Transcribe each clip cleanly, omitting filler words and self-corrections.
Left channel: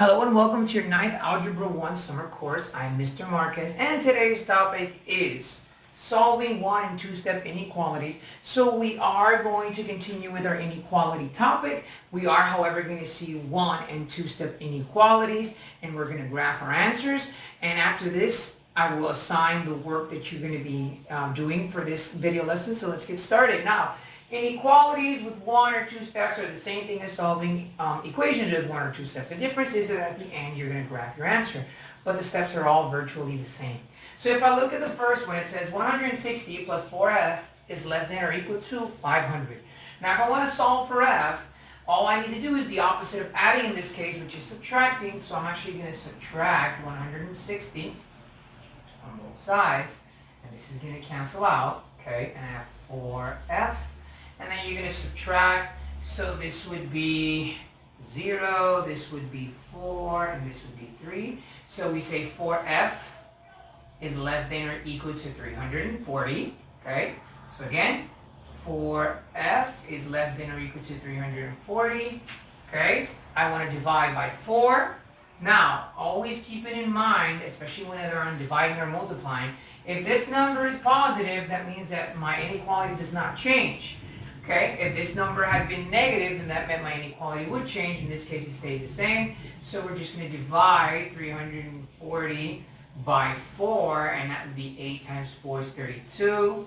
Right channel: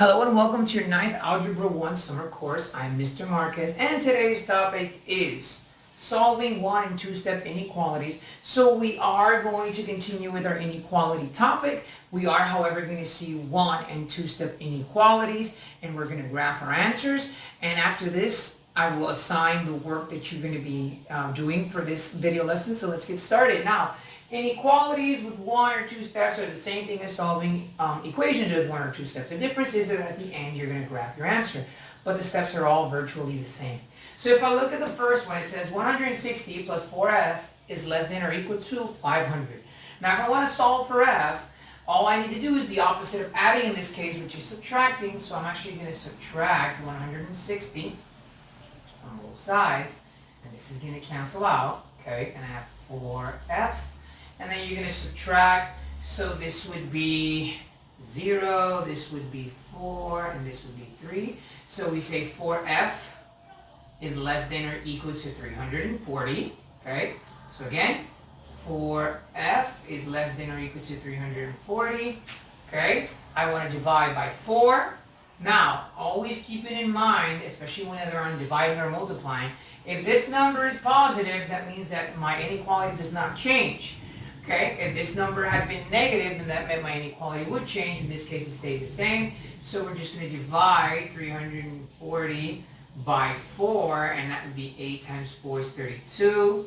Hello and welcome to your 9th Algebra 1 summer course. I'm Mr. Marquez and today's topic is solving 1 and 2-step inequalities. So we are going to continue with our inequality topic. We are, however, going to see 1 and 2-step inequalities and we're going to graph our answers. And after this, I will assign the work that you're going to be doing for this video lesson. So let's get started. Now, inequalities with 1 or 2 steps are the same thing as solving equations with 1 or 2 steps. The difference is that at the end you're going to graph your answer, but the steps are all virtually the same. So if I look at the first one, it says 160 plus 4f is less than or equal to 500. Now if I want to solve for f, all I need to do is the opposite of adding in this case, which is subtracting. So I'm actually going to subtract 160 on both sides, and this is going to cancel out, okay, and I have 4f. And then you're going to subtract, so this would be 0, this would be 4, and this would be 3. So we say 4f is less than or equal to 340, okay? So again, 4f is less than or equal to 340, okay? I want to divide by 4. Now, always keep it in mind, especially whenever I'm dividing or multiplying, if this number is positive, that means that my inequality does not change. Okay, if this number had been negative, then that meant my inequality would change. In this case, it stays the same. So we're just going to divide 340 by 4, and that would be 8 times 4 is 32.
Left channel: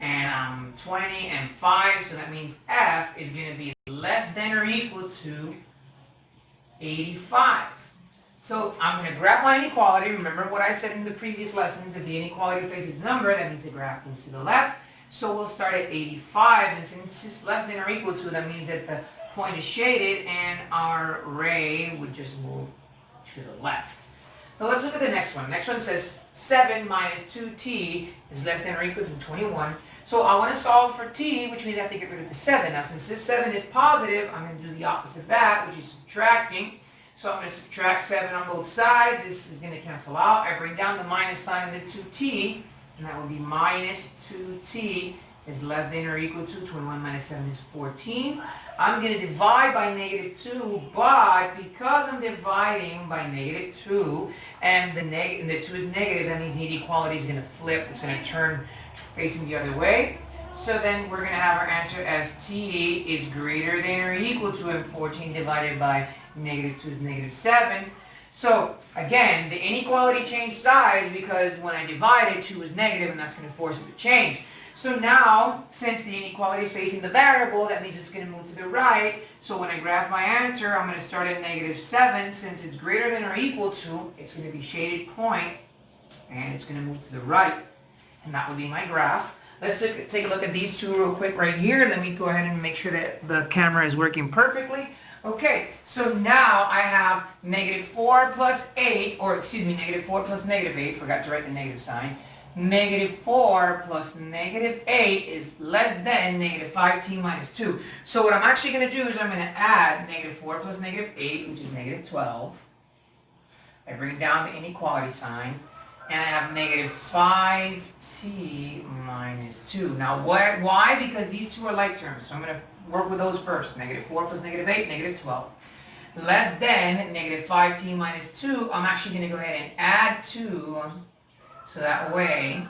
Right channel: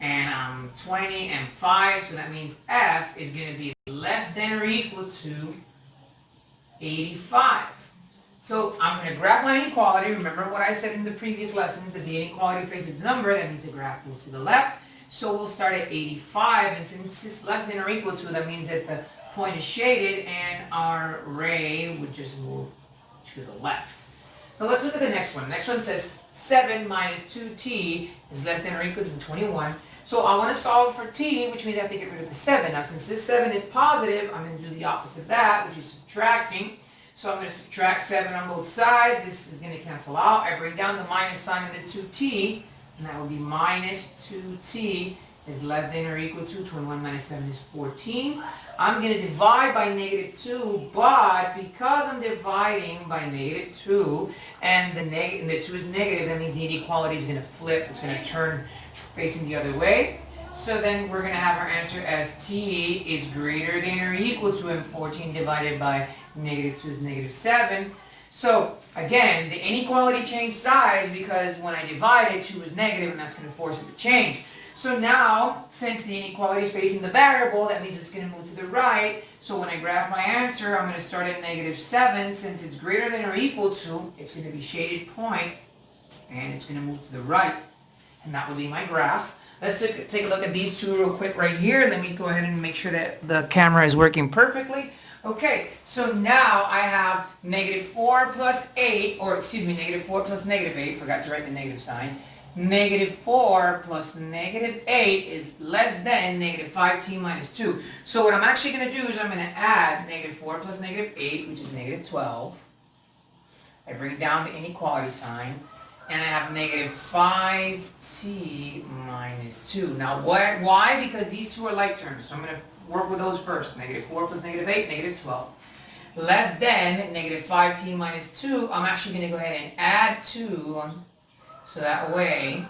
And 20 and 5, so that means f is going to be less than or equal to 85. So I'm going to graph my inequality. Remember what I said in the previous lessons. If the inequality faces the number, that means the graph moves to the left. So we'll start at 85, and since it's less than or equal to, that means that the point is shaded and our ray would just move to the left. So let's look at the next one. The next one says 7 minus 2t is less than or equal to 21. So I want to solve for t, which means I have to get rid of the 7. Now since this 7 is positive, I'm going to do the opposite of that, which is subtracting. So I'm going to subtract 7 on both sides. This is going to cancel out. I bring down the minus sign of the 2t. And that will be minus 2t is less than or equal to 21 minus 7 is 14. I'm going to divide by negative 2, but because I'm dividing by negative 2 and the 2 is negative, that means the inequality is going to flip. It's going to turn facing the other way. So then we're going to have our answer as t is greater than or equal to, and 14 divided by negative 2 is negative 7. So again, the inequality changed size because when I divided, 2 was negative, and that's going to force it to change. So now, since the inequality is facing the variable, that means it's going to move to the right. So when I graph my answer, I'm going to start at negative 7. Since it's greater than or equal to, it's going to be shaded point, and it's going to move to the right. And that will be my graph. Let's take a look at these two real quick right here. Let me go ahead and make sure that the camera is working perfectly. Okay, so now I have negative 4 plus 8, or excuse me, negative 4 plus negative 8, forgot to write the negative sign. Negative 4 plus negative 8 is less than negative 5t minus 2. So what I'm actually going to do is I'm going to add negative 4 plus negative 8, which is negative 12. I bring down the inequality sign, and I have negative 5t minus 2. Now why? Because these two are like terms, so I'm going to work with those first. Negative 4 plus negative 8, negative 12. Less than negative 5t minus 2, I'm actually going to go ahead and add 2. So that way,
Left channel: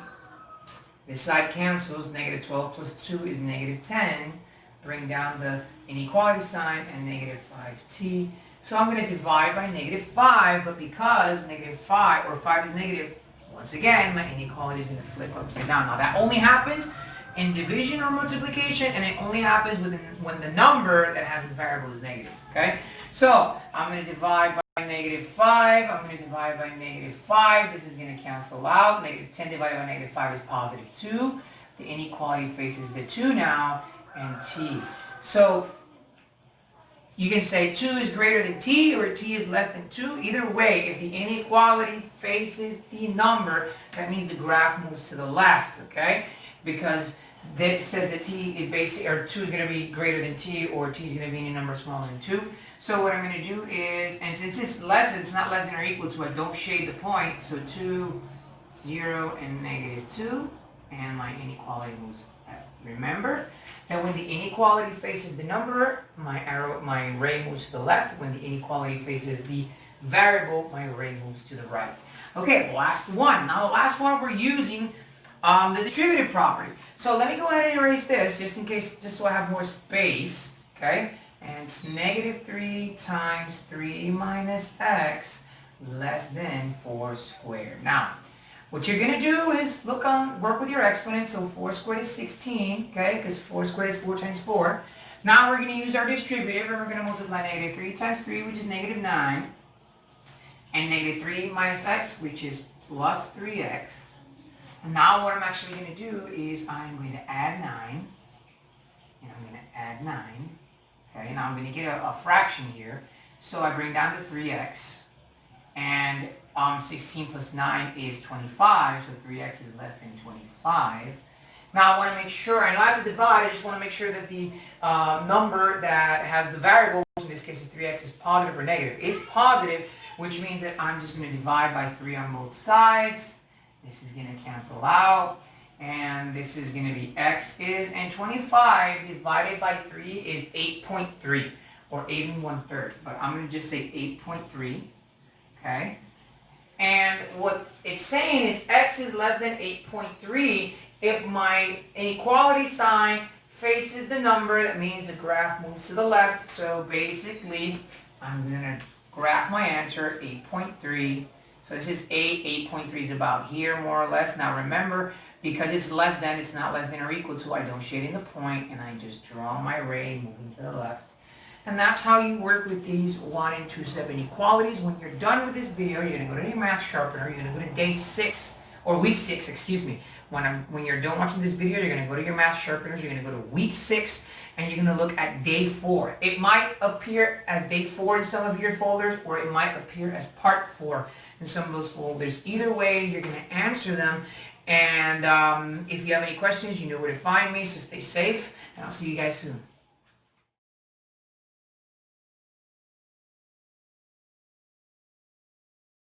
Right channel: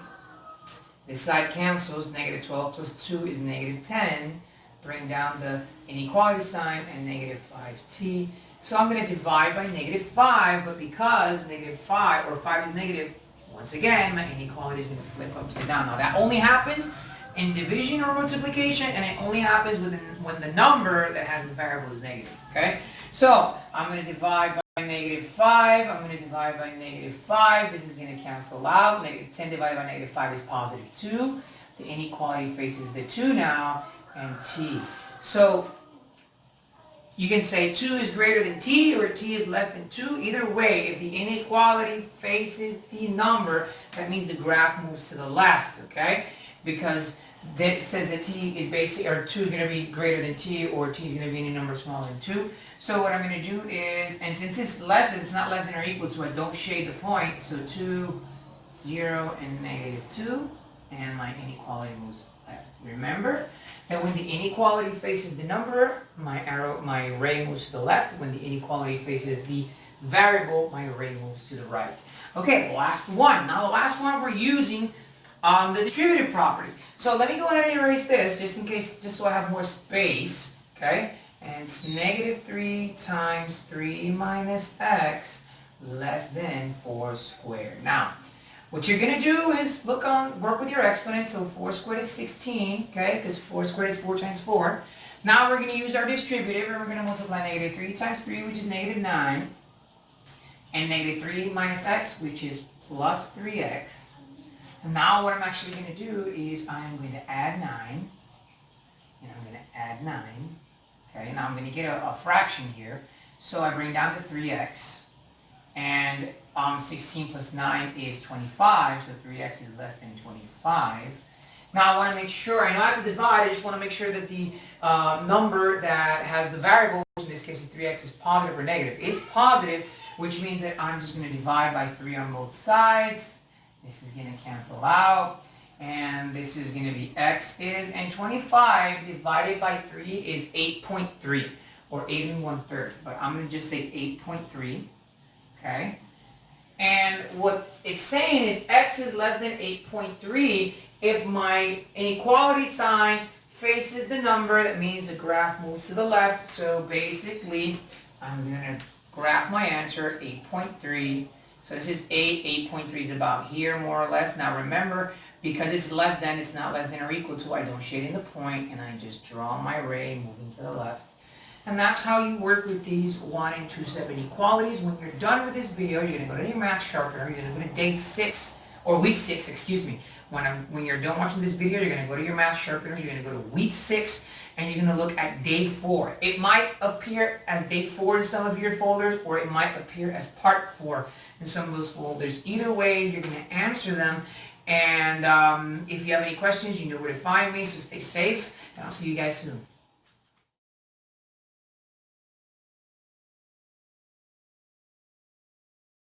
this side cancels. Negative 12 plus 2 is negative 10. Bring down the inequality sign and negative 5t. So I'm going to divide by negative 5, but because negative 5, or 5 is negative, once again, my inequality is going to flip upside down. Now that only happens in division or multiplication, and it only happens when the number that has a variable is negative, okay? So I'm going to divide by negative 5. I'm going to divide by negative 5. This is going to cancel out. Negative 10 divided by negative 5 is positive 2. The inequality faces the 2 now, and t. So you can say 2 is greater than t, or t is less than 2. Either way, if the inequality faces the number, that means the graph moves to the left, okay? Because then it says that t is basically, or 2 is going to be greater than t, or t is going to be any number smaller than 2. So what I'm going to do is, and since it's less than, it's not less than or equal to, I don't shade the point. So 2, 0, and negative 2, and my inequality moves left. Remember, that when the inequality faces the number, my ray moves to the left. When the inequality faces the variable, my ray moves to the right. Okay, last one. Now the last one we're using the distributive property. So let me go ahead and erase this just in case, just so I have more space, okay? And it's negative 3 times 3 minus x less than 4 squared. Now, what you're going to do is work with your exponents. So 4 squared is 16, okay? Because 4 squared is 4 times 4. Now we're going to use our distributive and we're going to multiply negative 3 times 3, which is negative 9. And negative 3 minus x, which is plus 3x. And now what I'm actually going to do is I'm going to add 9. And I'm going to add 9. Okay, now I'm going to get a fraction here. So I bring down to 3x. And 16 plus 9 is 25. So 3x is less than 25. Now I want to make sure, I know I have to divide, I just want to make sure that the number that has the variable, which in this case is 3x, is positive or negative. It's positive, which means that I'm just going to divide by 3 on both sides. This is going to cancel out. And this is going to be x is, and 25 divided by 3 is 8.3, or 8 1/3. But I'm going to just say 8.3, okay? And what it's saying is x is less than 8.3 if my inequality sign faces the number. That means the graph moves to the left. So basically, I'm going to graph my answer, 8.3. So this is 8. 8.3 is about here, more or less. Now remember, because it's less than, it's not less than or equal to, I don't shade in the point, and I just draw my ray moving to the left. And that's how you work with these 1 and 2 step inequalities. When you're done with this video, you're going to go to your math sharpener, you're going to go to day 6, or week 6, excuse me. When you're done watching this video, you're going to go to your math sharpeners, you're going to go to week 6, and you're going to look at day 4. It might appear as day 4 in some of your folders, or it might appear as part 4 in some of those folders. Either way, you're going to answer them. And if you have any questions, you know where to find me, so stay safe, and I'll see you guys soon.